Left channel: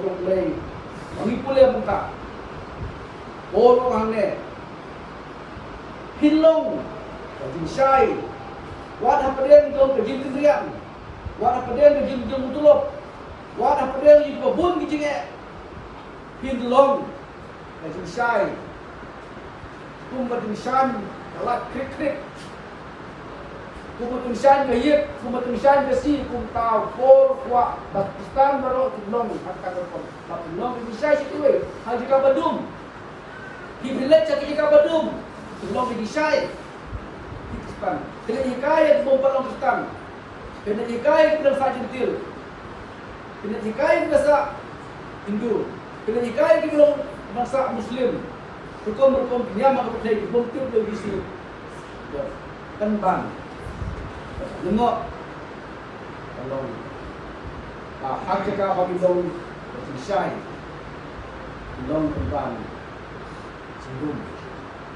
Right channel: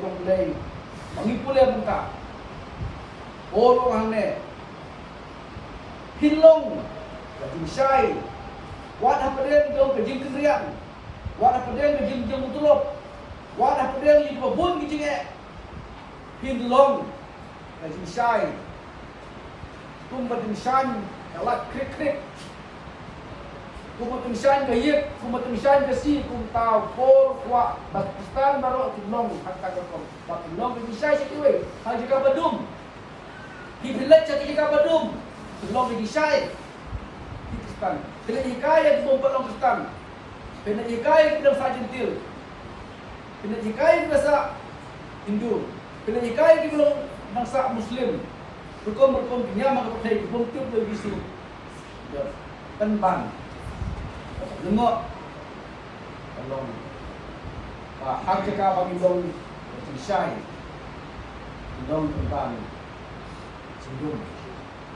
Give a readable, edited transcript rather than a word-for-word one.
Betul lay. Kami pulih buka. Orang mana? Hilong, kajin syai. Wadah pedang jauh kajin kendrian. Wadah pedang kajin jauh mutulop. Wadah pedang di babun kajin Hilong, kajin syai. Kumbat kajin kalak krik. Kumbat kajin kumbat kasi kuntau por kuat. Pakistan baru Hilong akan berkon. Hilong kajin syai situwe. Haji kabadum. Dibilat cakap kabadum. Hilong kajin syai. Pakistan. Kena hikayat memperolong Pakistan. Kena hikayat kena Fajintil. Kena hikayat bangsa Hindu. Kena hikayat kena bangsa Muslim. Hukum penyama kepada bukti legisi. Tenbang. Lengok. Tolong. Hak cakap bagi dong syai. Hilong tenbang. Sungguh.